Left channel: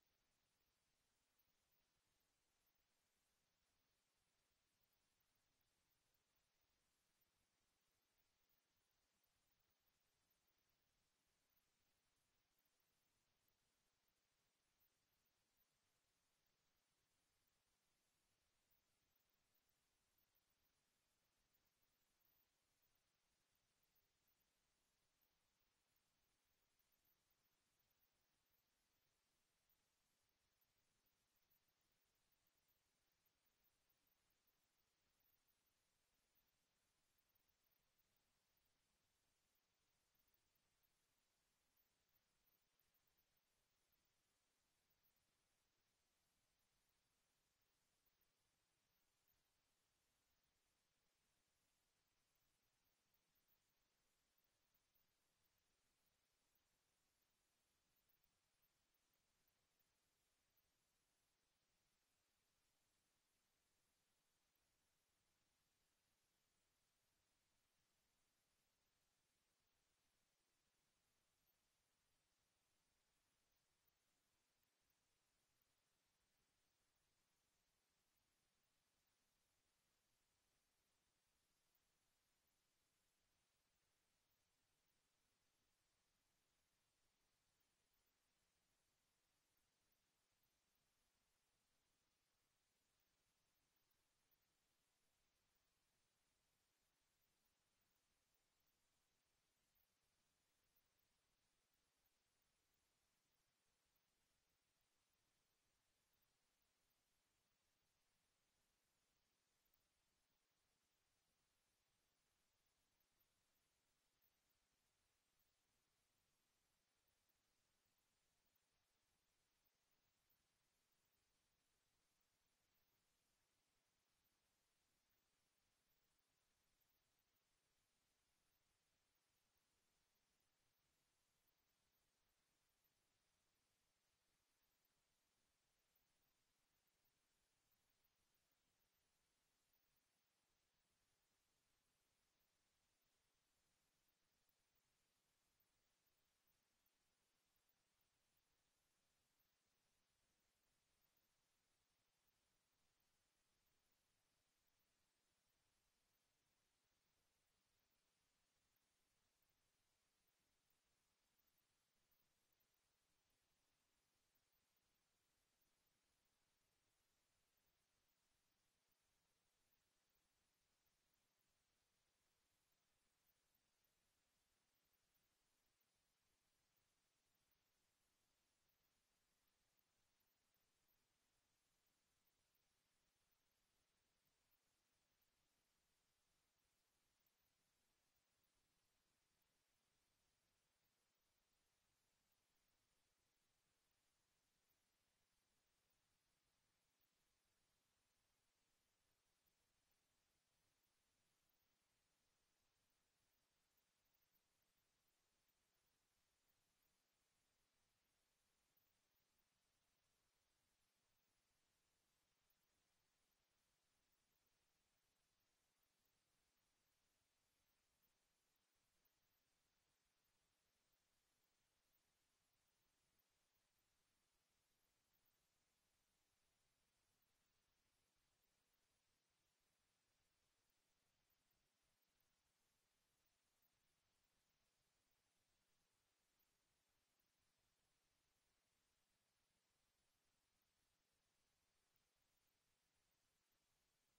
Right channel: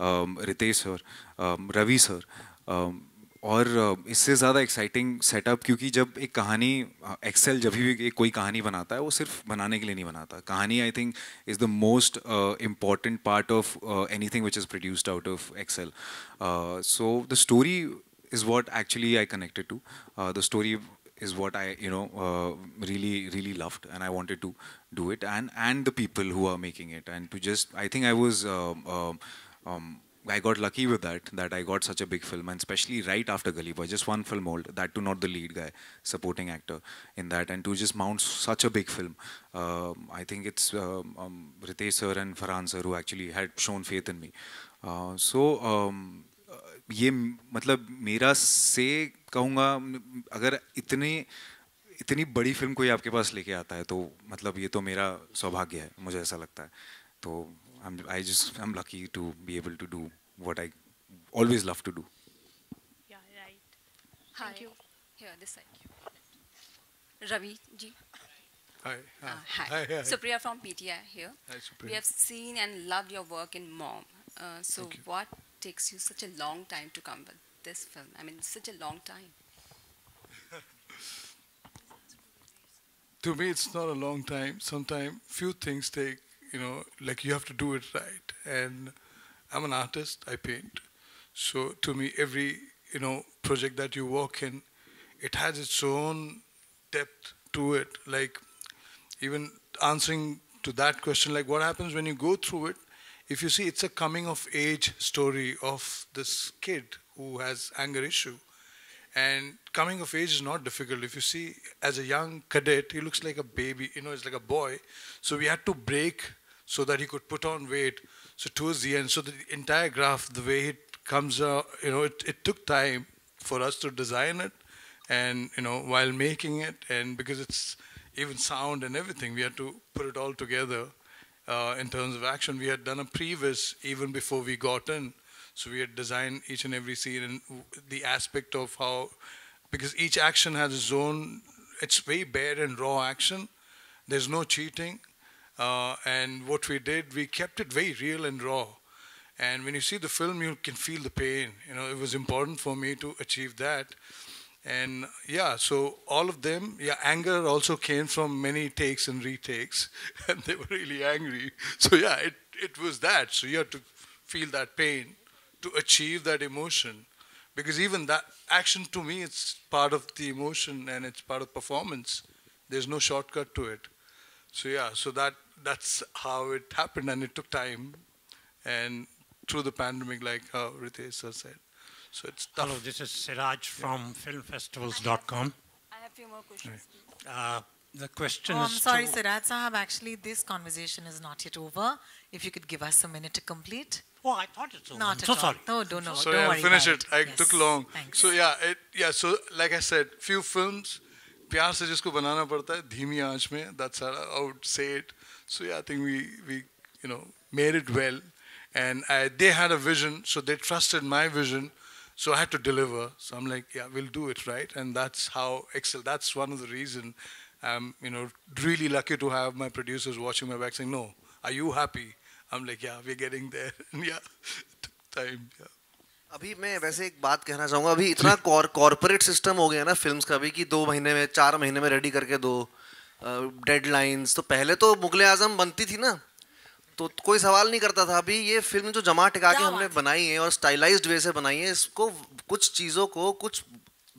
Ritesh sir, Ravi sir, और इससे ज़्यादा एक्साइटिंग सेटअप, क्योंकि जब एक कहानी, एक्सेल जब भी कोई कहानी बनाता है वो सिर्फ बनाने के लिए नहीं बनाता। कहानी I think is the most important part of anything which is produced out of Excel. So the story is what actually I connected to. The story is what I, really loved, and I wanted to do it, and the people who are making it, and to just, I think I was, um, I got lucky with that I got such a big film, and especially right after Gully Boy, just one film old, that too not the lead guy, supporting actor in that, and to just mount such a big film. I think it's Ritesh sir and Farhan sir who actually had shown faith in me. ये मतलब मेरा से कहूँगा, अगर इतनी इतनी बड़ी film कोई आपके पास लेके आता है तो मतलब ये तो मेरा सौभाग्य है, मुझे ऐसा लगता है। तो I am lucky to be able to do what I always love to do. Yeah, right. Hi. Thank you. Here, this side. Ravi ji. Hi. Hi. Hi. Hi. Supriya from PTI here. Hi, We Supriya. have seen and loved your work in Mom. So Thank you. what takes you such a long time to come with this film? I mean, such a long time. To me, it's not a long time. Sometimes few things take, like you have to do it right. And I'm an artist. I paint. So to me, every, project that you work in, it has its own depth to it. Like even answering to that question, like what happens when you go through it, if you see it's a coming of age story of this kid who has anger issue. And coming of age is not difficult. If you see, as a young cadet, he looks like a baby, it's like a boy. So we had to break so that he could put on weight. So towards the end, so the entire graph, the way it comes out, it took time for us to design it. And, while making it, and because it's even sound and everything, we had to put it all together. In terms of action, we had done a previs even before we got in. So we had designed each and every scene and the aspect of how, because each action has its own, it's very bare and raw action. There's no cheating. And what we did, we kept it very real and raw. And when you see the film, you can feel the pain. It was important for me to achieve that. And yeah, so all of them, anger also came from many takes and retakes, and they were really angry. So yeah, it was that. So you had to feel that pain to achieve that emotion, because even that action, to me, it's part of the emotion and it's part of performance. There's no shortcut to it. So yeah, so that's how it happened, and it took time, and through the pandemic, like how Ritesh sir said. So it's tough. Hello, this is Siraj from filmfestivals.com. I have few more questions. The question Oh, I'm is sorry, to, Siraj Sahab. Actually, this conversation is not yet over. If you could give us a minute to complete. Oh, I thought it's over. Not I'm at so all. sorry. No, don't know. So don't yeah, worry finish about it. I Yes. took long. Thanks. So so like I said, few films, प्यार से जिसको बनाना पड़ता है धीमी आंच में. That's how I would say it. So yeah, I think we made it well, and they had a vision, so they trusted my vision. So I had to deliver. So I'm like, yeah, we'll do it, right? And that's how Excel. That's one of the reason I'm, really lucky to have my producers watching my back saying, no, are you happy? I'm like, yeah, we're getting there. And yeah, it took time. Yeah. अभी मैं वैसे एक बात कहना चाहूँगा, अभी इतना corporate system हो गया ना फिल्म्स का भी, कि 2 महीने में 4 महीने में रेडी करके दो डेडलाइंस. तो पहले तो मुगले आजम बनती थी ना, तो कोई सवाल नहीं करता था. अभी ये फिल्म जो जमा टिका के हमने बनाई है और स्टाइलाइज्ड वे से बनाई है, इसको कुछ चीज़ों को, कुछ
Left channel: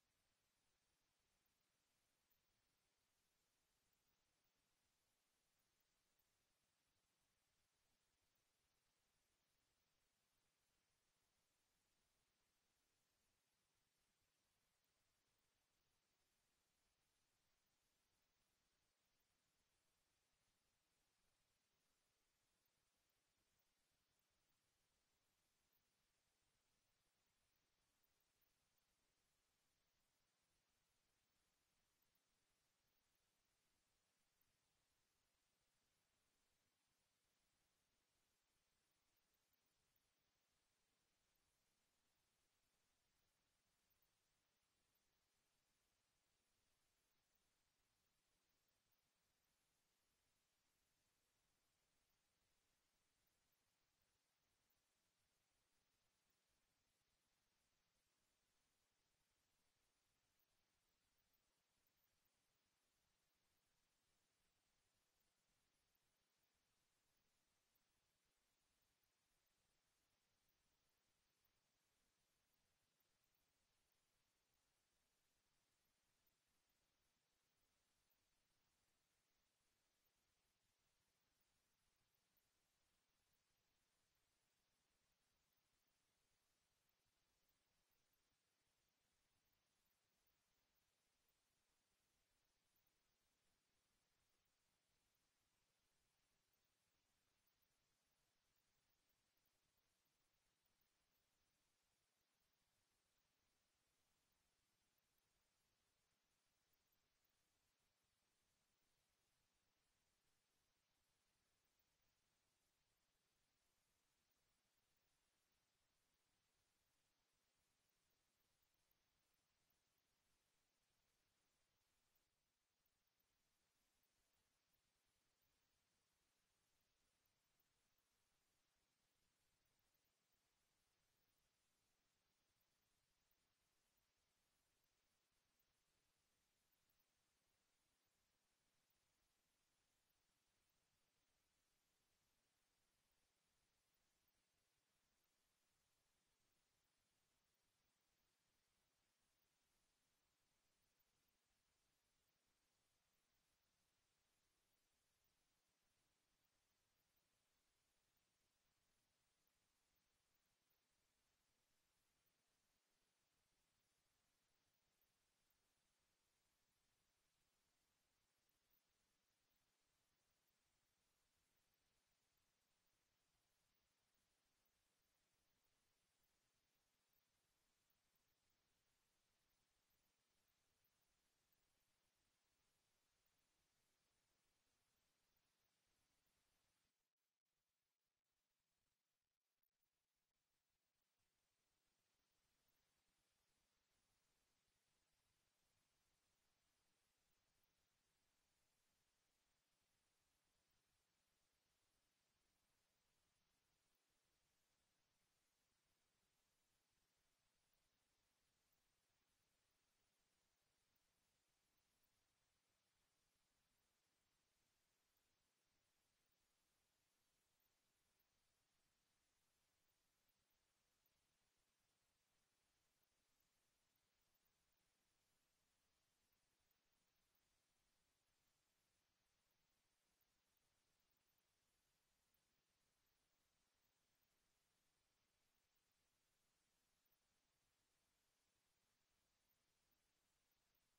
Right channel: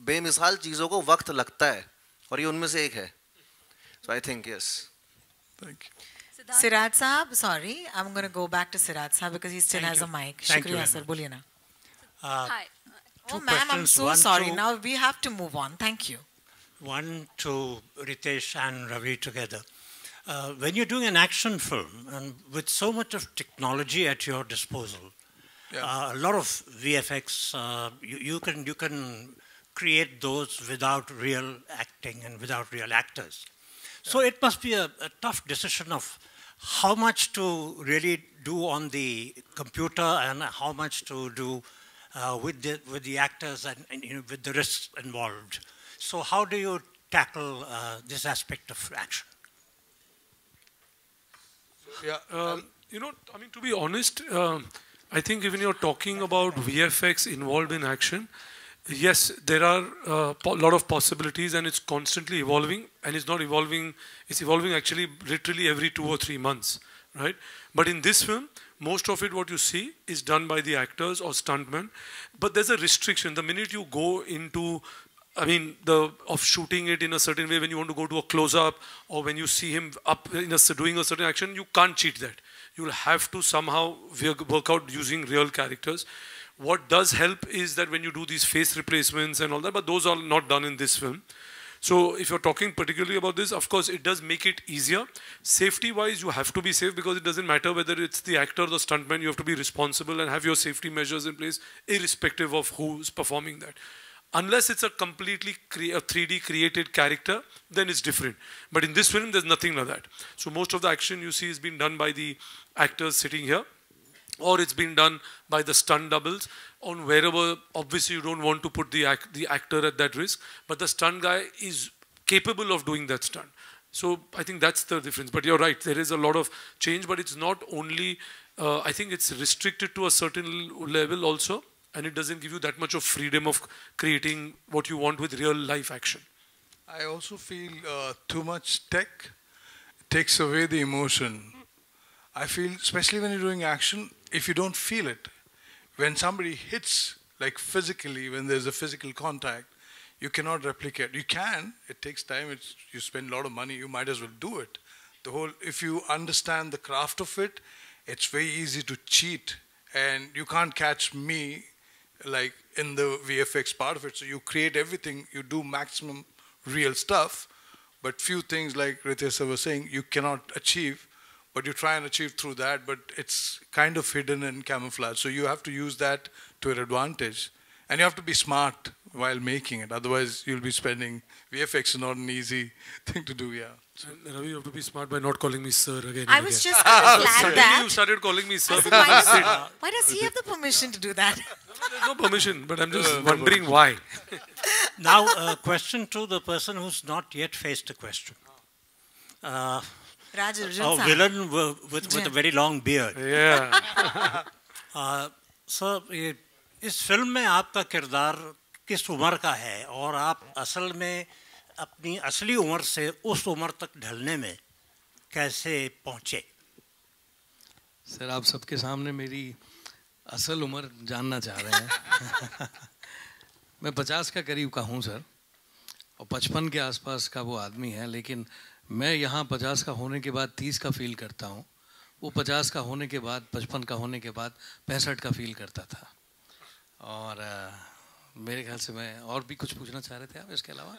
बेमिसाल चीज़ों को वक्त लगता है, और ये उनमें से एक है. So I think yes. Thank you. Siraj Sahab, sorry, I'm going to go back to Siraj Sahab because he still Thank has you. a mic. Thank you Shukriya, very sir. much. Boliye na. Hi. Oh, Two ma'am, I'm questions. so One sorry. to- Now we have to move on. Thank you. One to Ritesh and Ravi together. When you're doing an action film and with so much of technology at your disposal, a lot of VFX, you can create those without real acting and without real actors. So it must be a tough decision of how much to really do on the computer and how much to do with the actors and with the risks involved. So how do you tackle this aspect of action? Yeah, to be honest, I think when you're talking about VFX involved in action, yes, there are a lot of possibilities, and it's constantly evolving, and it's not evolving, it's evolving actually literally every 2 or 3 months, right? But in this film, most of it, what you see, is done by the actors or stuntmen, but there's a restriction. The minute you go into, I mean, of shooting it in a certain way, when you want to go to a close-up, or when you see him up in doing a certain action, you can't cheat that. You'll have to somehow work out using real characters. What does help is that when you do these face replacements and all that, but those are not done in this film. So if you're talking particularly about this, of course, it does make it easier. Safety-wise, you have to be safe, because it doesn't matter whether it's the actor or the stuntman. You have to be responsible and have your safety measures in place, irrespective of who's performing that. Unless it's a completely 3D created character, then it's different. But in this film, there's nothing like that. So most of the action you see is being done by the actors sitting here, or it's been done by the stunt doubles on wherever. Obviously, you don't want to put the actor at that risk, but the stunt guy is capable of doing that stunt. So I think that's the difference. But you're right, there is a lot of change, but it's not only, I think it's restricted to a certain level also, and it doesn't give you that much of freedom of creating what you want with real life action. I also feel too much tech takes away the emotion. I feel, especially when you're doing action, if you don't feel it, when somebody hits, like physically, when there's a physical contact, you cannot replicate. You can, it takes time, you spend a lot of money, you might as well do it. If you understand the craft of it, it's very easy to cheat, and you can't catch me like in the VFX part of it. So you create everything, you do maximum real stuff, but few things, like Ritesh sir was saying, you cannot achieve, but you try and achieve through that, but it's kind of hidden and camouflaged. So you have to use that to your advantage. And you have to be smart while making it. Otherwise, you'll be spending, VFX is not an easy thing to do, yeah. And Ravi, you have to be smart by not calling me sir again. I was just going to flag that. You started calling me sir. Why does he have the permission to do that? There's no permission, but I'm just wondering why. Now, a question to the person who's not yet faced a question. Raj A villain with a very long beard. Yeah. So, इस film में आपका किरदार किस उम्र का है, और आप असल में अपनी असली उम्र से उस उम्र तक ढलने में कैसे पहुँचे? सर, आप सबके सामने मेरी असल उम्र जानना चाह रहे हैं। मैं 50 का करीब का हूँ सर, और 55 के आसपास का वो आदमी है, लेकिन मैं यहाँ 50 का होने के बाद 30 का फील करता हूँ। वो 50 का होने के बाद, 55 का होने के बाद 65 का फील करता था। और मेरे ख्याल से मैं और भी कुछ पूछना चाह रहे थे आप इसके अलावा?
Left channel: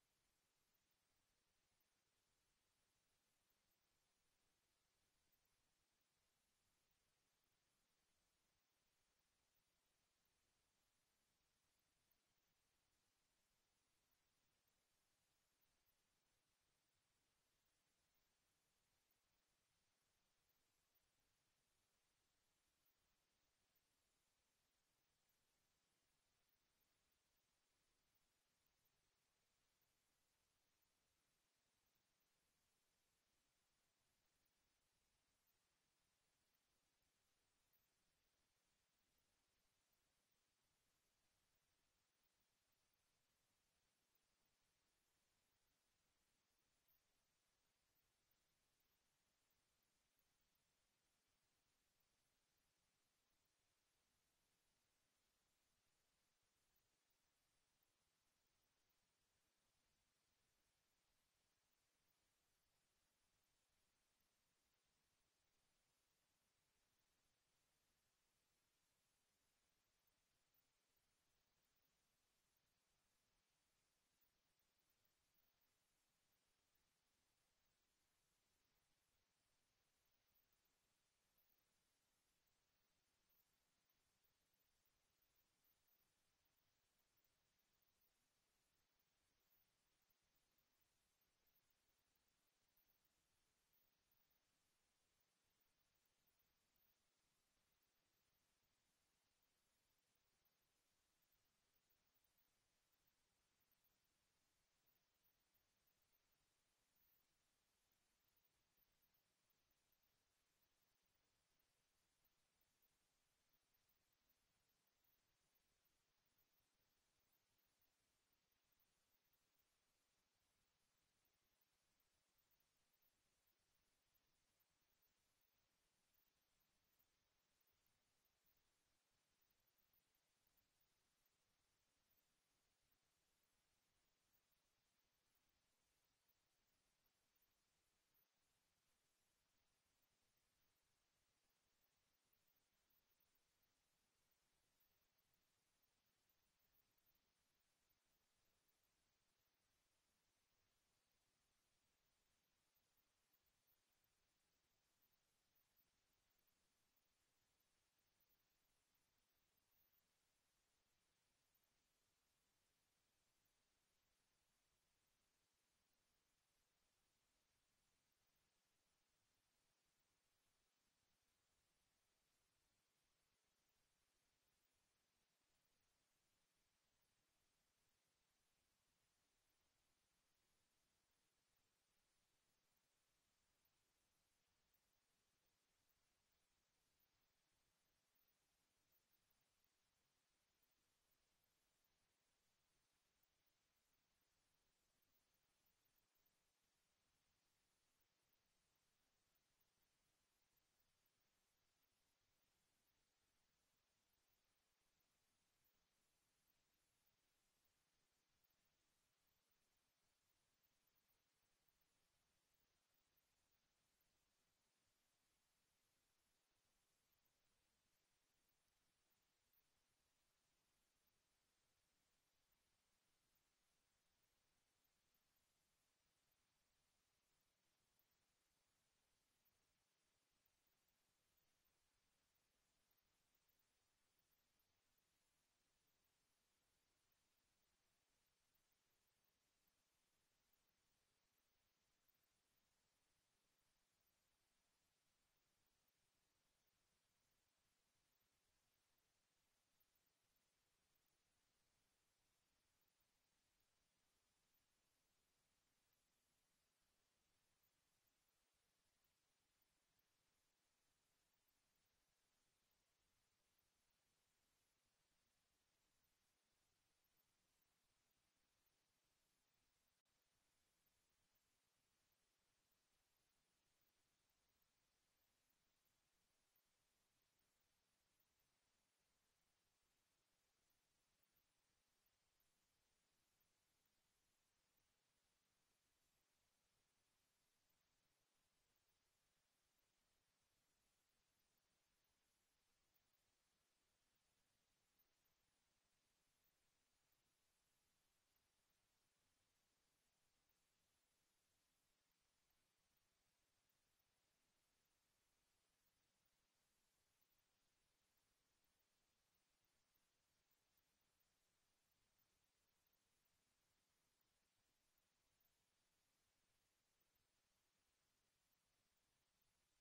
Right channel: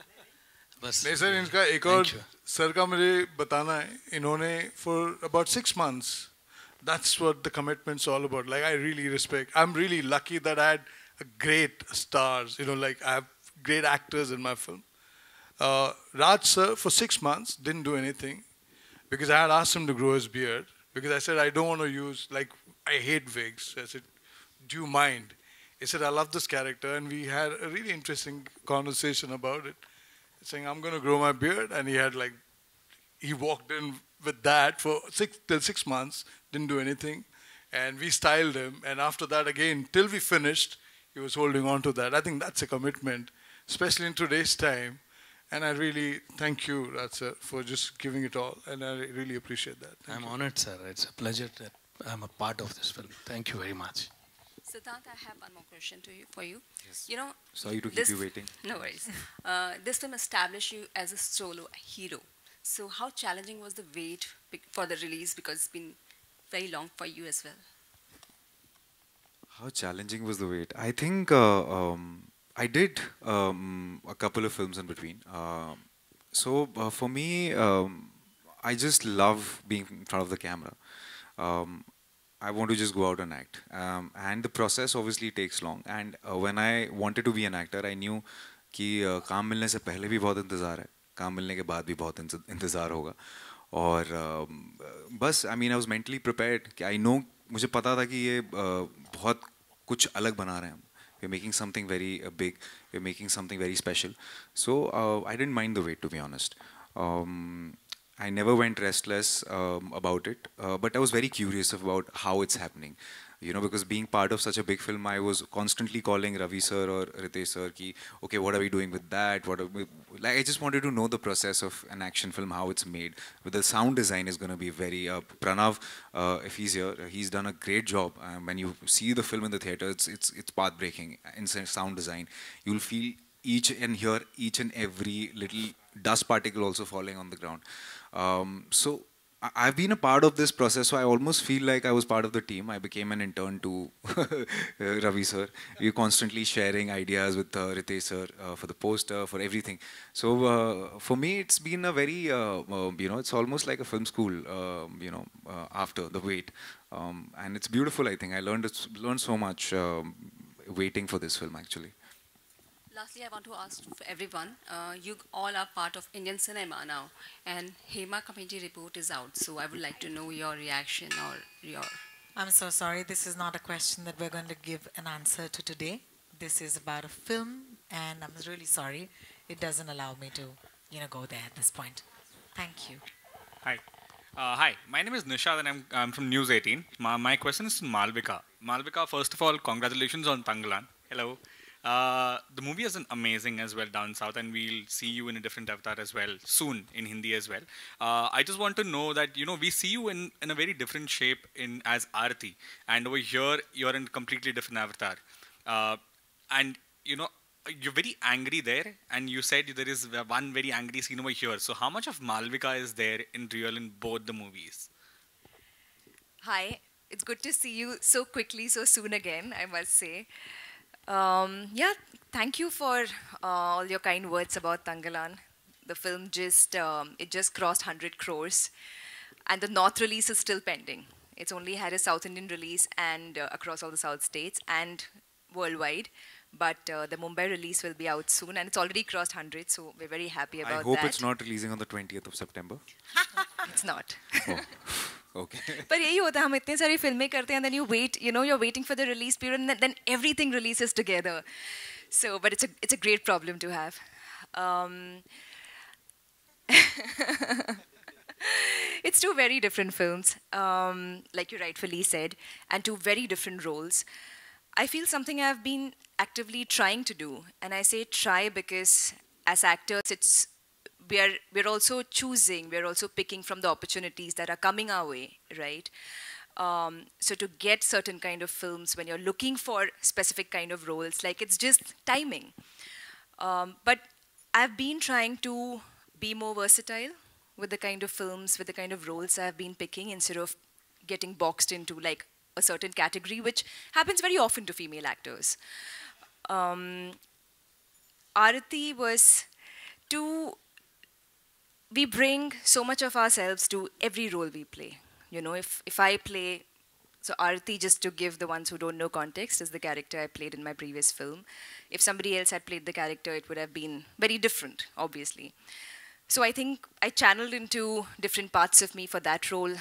बस नहीं सर, इनका एक और सर का मुझे बताना है, इन्होंने for about 6 months, that's what the commitment's all about. Like, I really respect, I'm really lucky that I had great stars, like I have great actors in my film. Raj sir, for 6 months, didn't do anything, because I had asked him to grow his beard, because I said, I don't want to use, like, I hate wigs. I said, do you mind? He said, I love this character, and we had a really interesting conversation about it, saying, I'm going to grow my beard, and he walked in with that for 6 months, didn't do anything, and we styled him, and after that, again, till we finished, he was holding on to that. I think that's a commitment, especially in today's time, and I really thank you, Raj sir, for just giving it all, and I really appreciate that. I'm honored, sir. It's a pleasure that I'm a part of this film. Thank you very much. Siddhant, I have one more question for you. Yes. Sorry to keep you waiting. No worries. This film established you as a solo hero. So how challenging was the wait for the release, because it's been very long for you as well? How challenging was the wait? I think I did a couple of films in between. So for me, I just love being in front of the camera. I want to just go out and act. And the process obviously takes long. And when I wanted to be an actor, I knew कि काम मिलने से पहले भी बहुत इंतज़ार है, काम मिलने के बाद भी बहुत इंतज़ार होगा. और बस I mean I was mentally prepared कि I know, मुझे पता था कि ये बहुत कुछ अलग बना रहे हैं हम. We're making something very big. We're making something very special. So I didn't mind the wait, to be honest. I never went restless about it, but I was very curious about how it's happening. You know, because being part of such a big film, I was constantly calling Ravi sir or Ritesh sir ki, okay, what are we doing with that? What are we, like, I just wanted to know the process of an action film, how it's made. But the sound design is going to be very, Pranav, if he's here, he's done a great job. When you see the film in the theater, it's path-breaking in sound design. You'll feel each and hear each and every little dust particle also falling on the ground. So I've been a part of this process, so I almost feel like I was part of the team. I became an intern to Ravi sir. We're constantly sharing ideas with Ritesh sir for the poster, for everything. So for me, it's been a very, you know, it's almost like a film school, you know, after the wait. And it's beautiful, I think. I learned so much waiting for this film, actually. Lastly, I want to ask for everyone, you all are part of Indian cinema now, and Hema Committee report is out, so I would like to know your reaction or your... I'm so sorry, this is not a question that we're going to give an answer to today. This is about a film, and I'm really sorry. It doesn't allow me to, you know, go there at this point. Thank you. Hi. Hi, my name is Nishad and I'm from News 18. My question is to Malvika. Malvika, first of all, congratulations on Tangalan. Hello. The movie is amazing as well down south, and we'll see you in a different avatar as well soon in Hindi as well. I just want to know that, you know, we see you in a very different shape as Aarti, and over here you're in a completely different avatar. And you know, you're very angry there, and you said there is one very angry scene over here. So how much of Malvika is there in real in both the movies? Hi, it's good to see you so quickly, so soon again, I must say. Yeah, thank you for all your kind words about Tangalan. The film just crossed 100 crores, and the North release is still pending. It's only had a South Indian release and across all the South states and worldwide. But the Mumbai release will be out soon, and it's already crossed 100, so we're very happy about that. I hope it's not releasing on the 20th of September. It's not. Oh. Okay. But यही होता है, हम इतने सारी फिल्में करते हैं, and then you wait, you know, you're waiting for the release period, and then everything releases together. So, but it's a great problem to have. It's two very different films, like you rightfully said, and two very different roles. I feel something I've been actively trying to do, and I say try because as actors, we're also choosing, we're also picking from the opportunities that are coming our way, right? So to get certain kind of films, when you're looking for specific kind of roles, like it's just timing. But I've been trying to be more versatile with the kind of films, with the kind of roles I've been picking, instead of getting boxed into like a certain category, which happens very often to female actors. Aarti was we bring so much of ourselves to every role we play. You know, if I play, so Aarti, just to give the ones who don't know context, is the character I played in my previous film. If somebody else had played the character, it would have been very different, obviously. So I think I channeled into different parts of me for that role.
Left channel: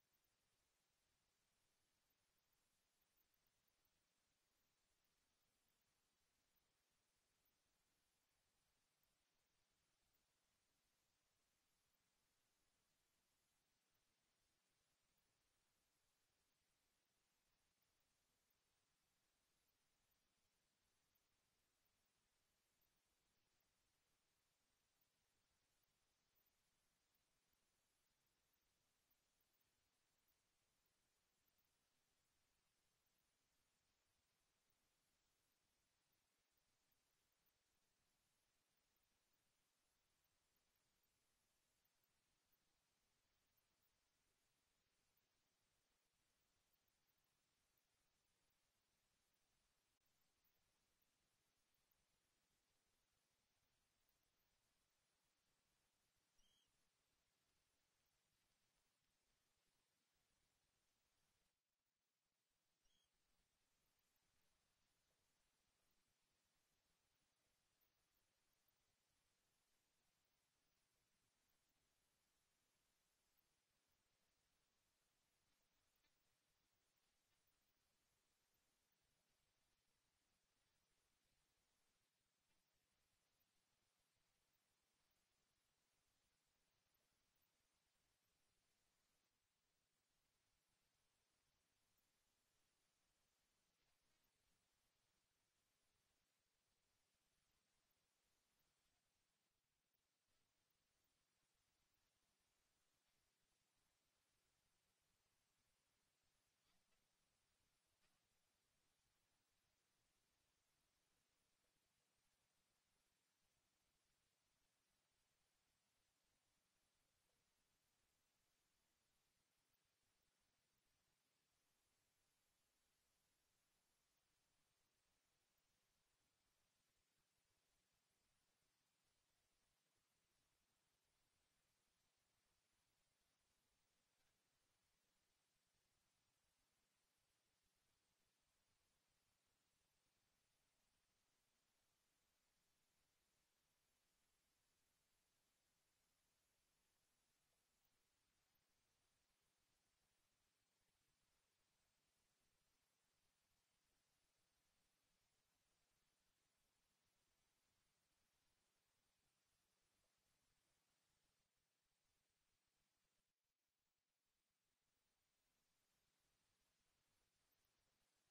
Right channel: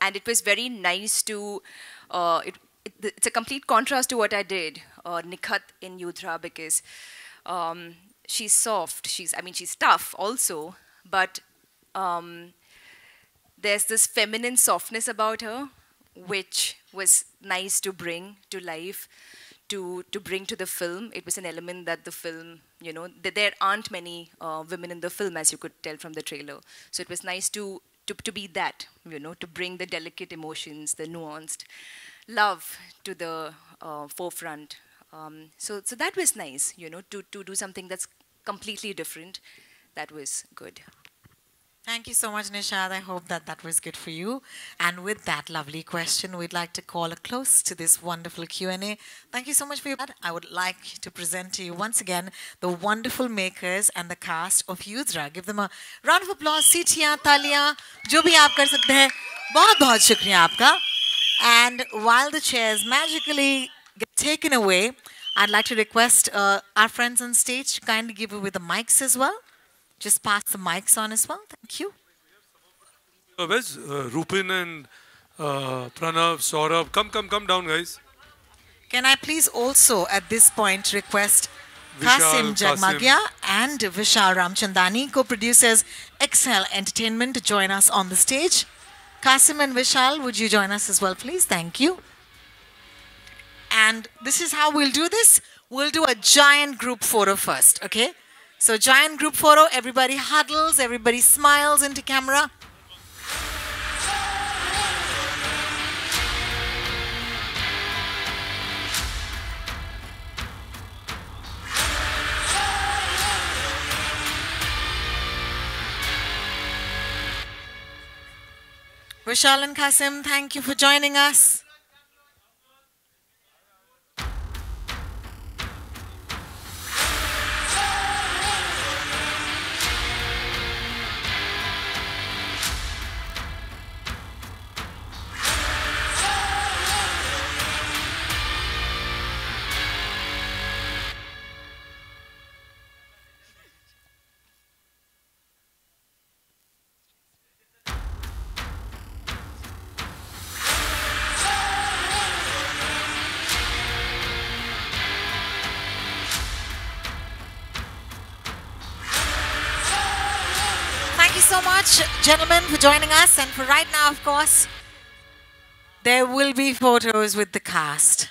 And it was very nice to, it's a complete contrast to what I did, Nikhat in Yudhra, because she's soft, she's tough also, but there's this feminine softness about her, which was nice to bring to life, to bring to the film. It was an element that the film, you know, there aren't many women in the film, as you could tell from the trailer. So it was nice to be that, you know, to bring the delicate emotions, the nuanced love to the forefront. So that was nice, you know, to do something that's completely different. That was good. Thank you so much, Nishad. I hope that was good for you. And with that lovely question, we'd like to call a close to this wonderful Q&A. Thank you so much for your... I would like to present to you once again the wonderful makers and the cast of Yudhra. Give them a round of applause. Seetiyan, taliyan, jo bhi aap kar sakte hain. बहुत shukriya aapka. And while the chairs magically get taken away, I'd like to request our friends on stage to kindly give away the mics as well. Just pass the mics on as well. Thank you. Where's Rupin and Pranav, Saurabh? Come down, guys. Can I please also, at this point, request Kasim Jagmagia and Vishal Ramchandani, co-producers Excel Entertainment, to join us on the stage. Kasim and Vishal, would you join us as well, please? Thank you. And this is how we'll do this. We'll do a giant group photo first, okay? So giant group photo, everybody huddles, everybody smiles into camera. Vishal and Qasim, thank you for joining us. Thank you so much, gentlemen, for joining us. And for right now, of course, there will be photos with the cast.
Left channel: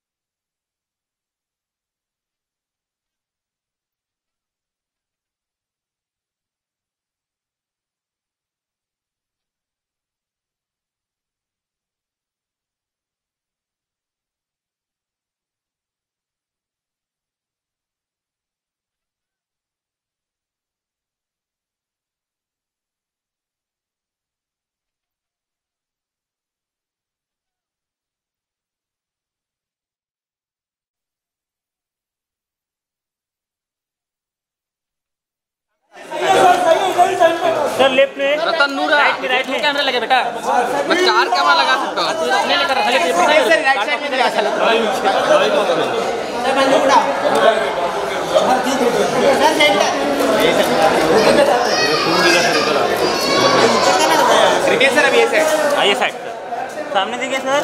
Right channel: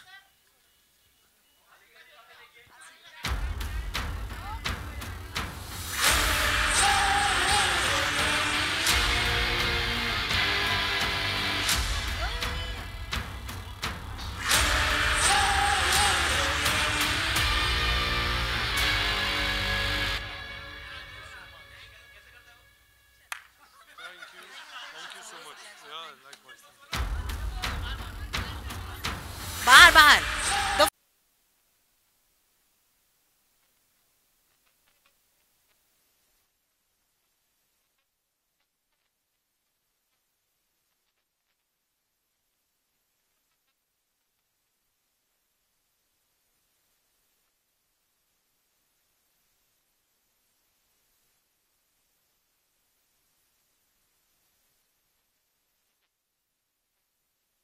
बाहर बाहर sir left में रतन नूरा right में camera लगे बेटा मैं 4 camera लगा सकता हूं अपने लेकर राइट साइड में लगा चलो रिकेश सर अभी ऐसे आइए साइड सामने देखिए सर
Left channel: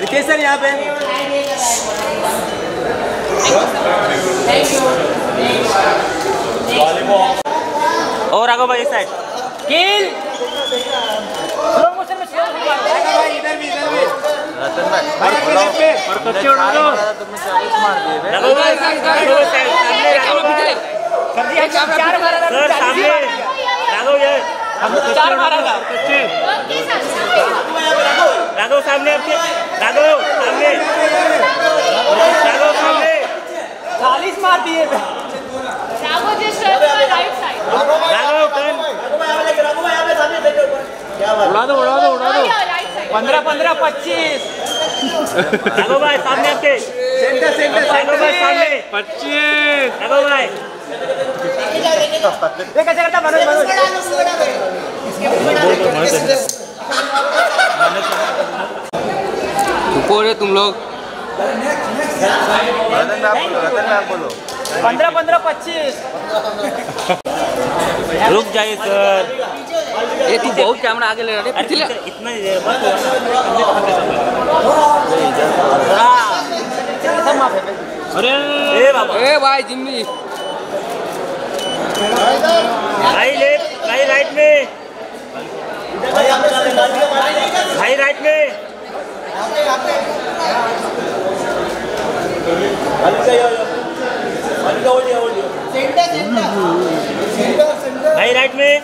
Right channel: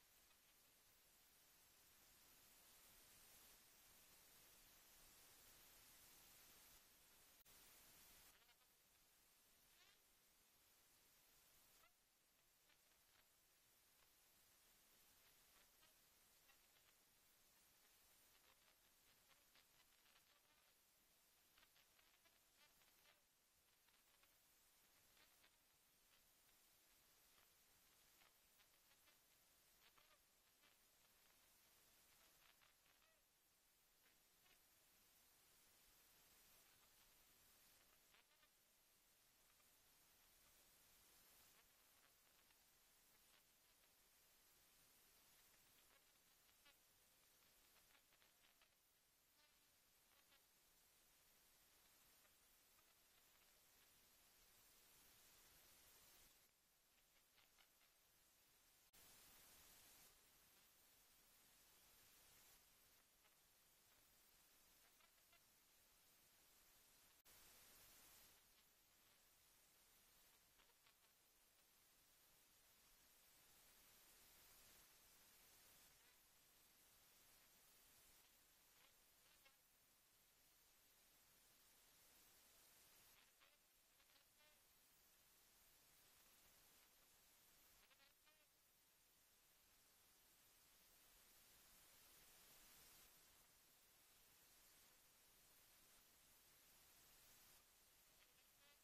रिकेश सर यहाँ पे और आगे भाई साइड किल स्लो मोशन में भाई इधर भी रतन भाई और कच्चे उड़ा दो तुमने 40 मार दिए रघु भाई सामने कर दिया 4 मारा सर सामने रघु ये हम 4 मारा था कच्चे रघु सामने आपके रघु सामने 40 मार दिए Rago just turn to the right side. Raghu turn उड़ा दो 15 15 25 रघु भाई सामने आपके सेंटर रघु भाई सामने 25 रघु भाई ये कैसे करता मनोज ऊपर है तुम लोग रतन आप बोलो 15 15 25 रुक जाइए सर ये तू बहुत कैमरा आगे ले रहा है इतना अरे ए बाबा ए भाई जिम्मी भाई लेफ्ट भाई राइट में भाई राइट में भाई राइट में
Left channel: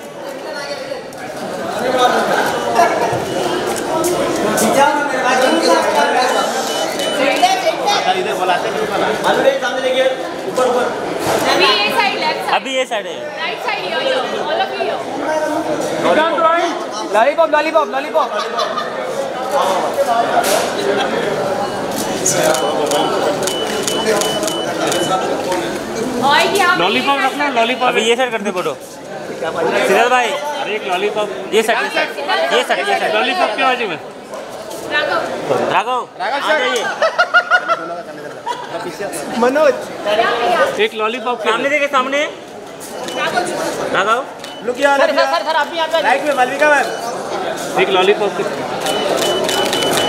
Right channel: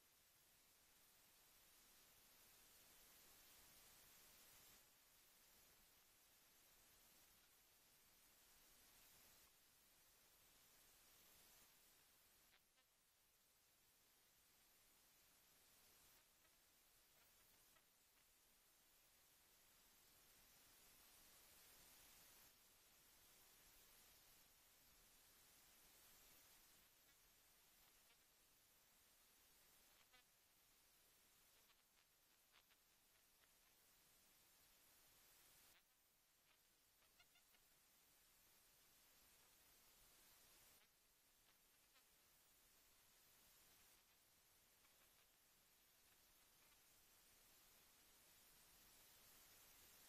अभी ये साइड है Right side here, all of you here. Lollipop lollipop lollipop रखना लॉलीपॉप अभी ये साइड करते फोटो सिद्धार्थ भाई अरे एक लॉलीपॉप ये साइड लॉलीपॉप क्यों बाजू में राघव आ जाइए मनोज एक लॉलीपॉप सामने देखे सामने राघव लुक यार सर आप भी आ जाइए राइट में मालविका मैम एक लॉलीपॉप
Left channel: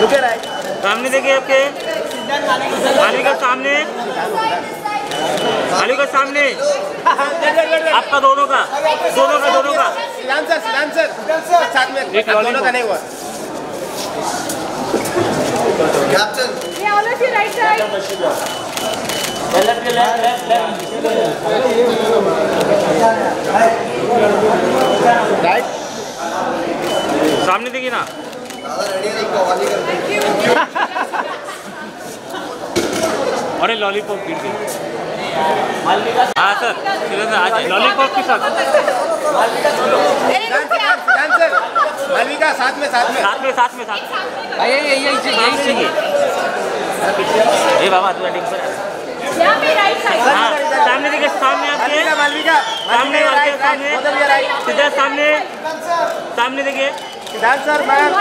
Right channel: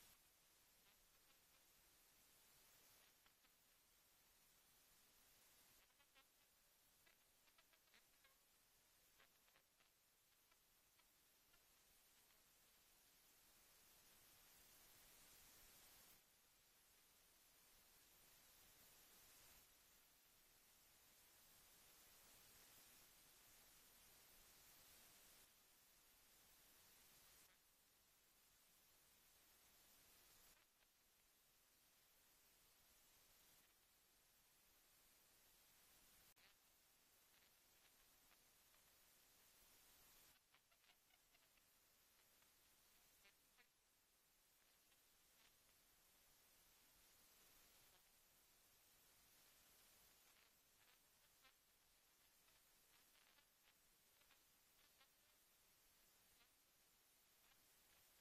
लुक राइट सामने देखिए आपके मालविका सामने मालविका सामने आपका दोनों का साथ में एक दोनों का नहीं हुआ captain all of you right side. Left. Right. सामने देखिए ना। अरे लॉलीपॉप गिर गई। हाँ सर, लॉलीपॉप के साथ। मालविका साथ में। यही चाहिए। ये बाबा तू एडिंग पर। यहाँ पे राइट साइड। हाँ, सामने देखिए, सामने आपके। सामने सीधा सामने देखिए। Dancer ma'am.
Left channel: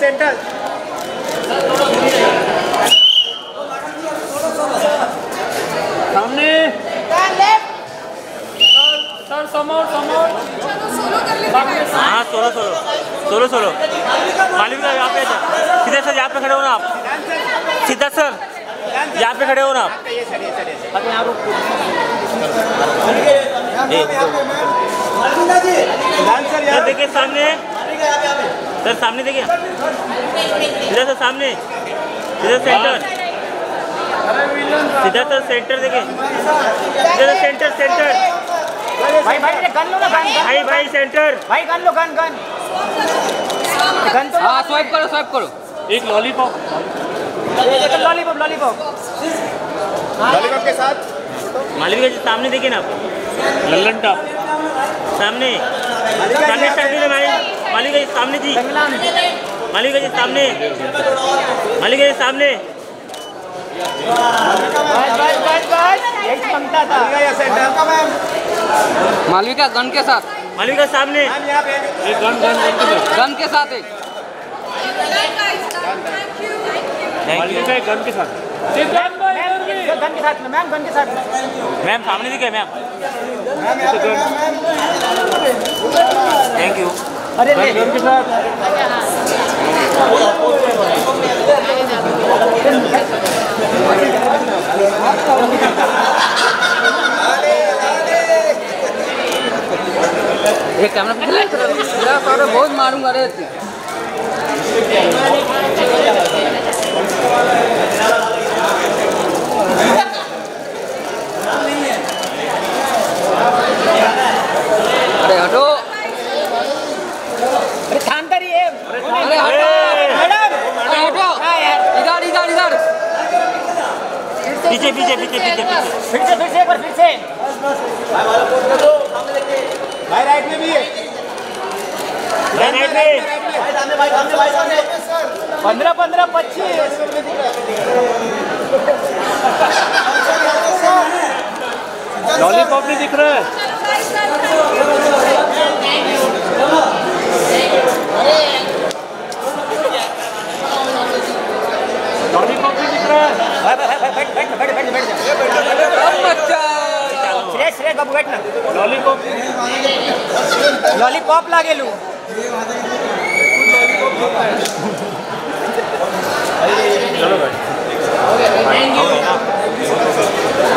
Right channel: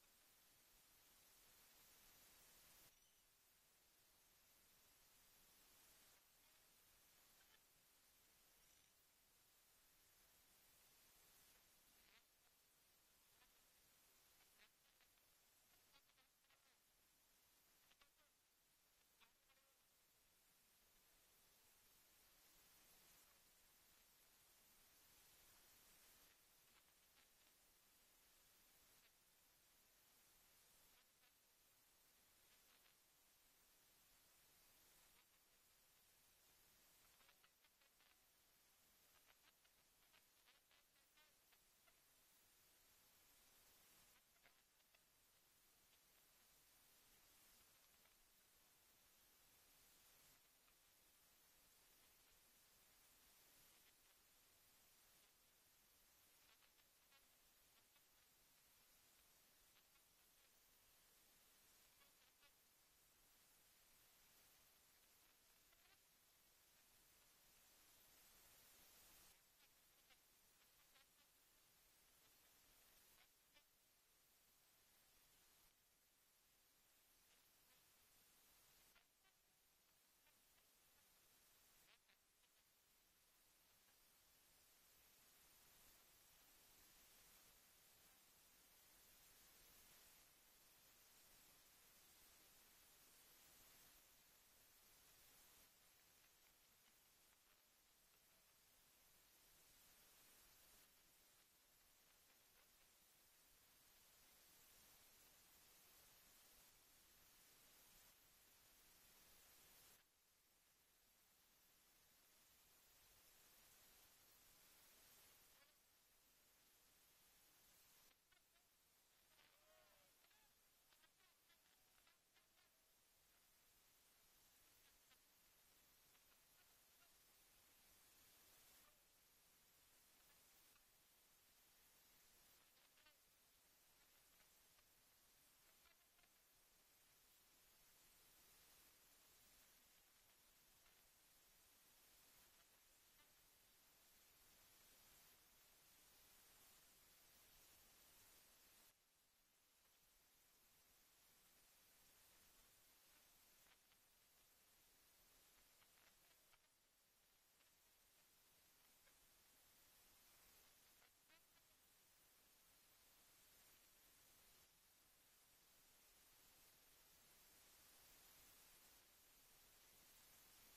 सेंटर। सामने। सर समोर। हाँ सोलो। मालविका यहाँ पे सीधा सर, यहाँ पे खड़े हो ना आप। सीधा सर, यहाँ पे खड़े हो ना आप। सर देखिए सामने। सर सामने देखिए। सीधा सर सामने। सीधा सेंटर। सीधा सर सेंटर देखिए। सीधा सेंटर। भाई गन लो ना। भाई सेंटर। भाई गन लो। गन तो। हाँ स्वाइप करो। एक लॉलीपॉप। लॉलीपॉप के साथ। मालविका जी सामने देखिए ना। लल्लन टॉप सामने। मालविका जी सामने जी। मालविका जी सामने। मालविका गन के साथ। मालविका सामने। गन के साथ एक। मालविका गन के साथ। मैम सामने दिखे मैम। Thank you. अरे गन के साथ। एक कैमरा पे बहुत मारूंगा रे। अरे हटो। अरे शांत रहिए। अरे मैडम हटो। इधर। पीछे। फिर से। भाई राइट में भी है। 15 25। लॉलीपॉप नहीं दिख रहा है। लॉलीपॉप नहीं दिख रहा है। बैठ बाबू बैठ ना। लॉलीपॉप लागे लू। चलो भाई।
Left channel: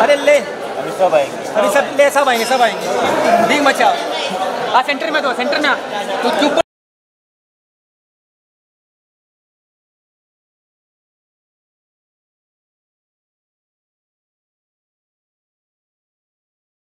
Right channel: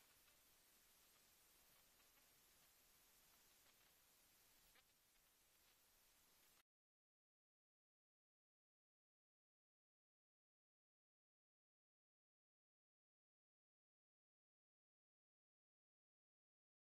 अरे ले अभी सब आएंगे। सब आएंगे। डी मचा। सेंटर में दो। सेंटर में तू चुप।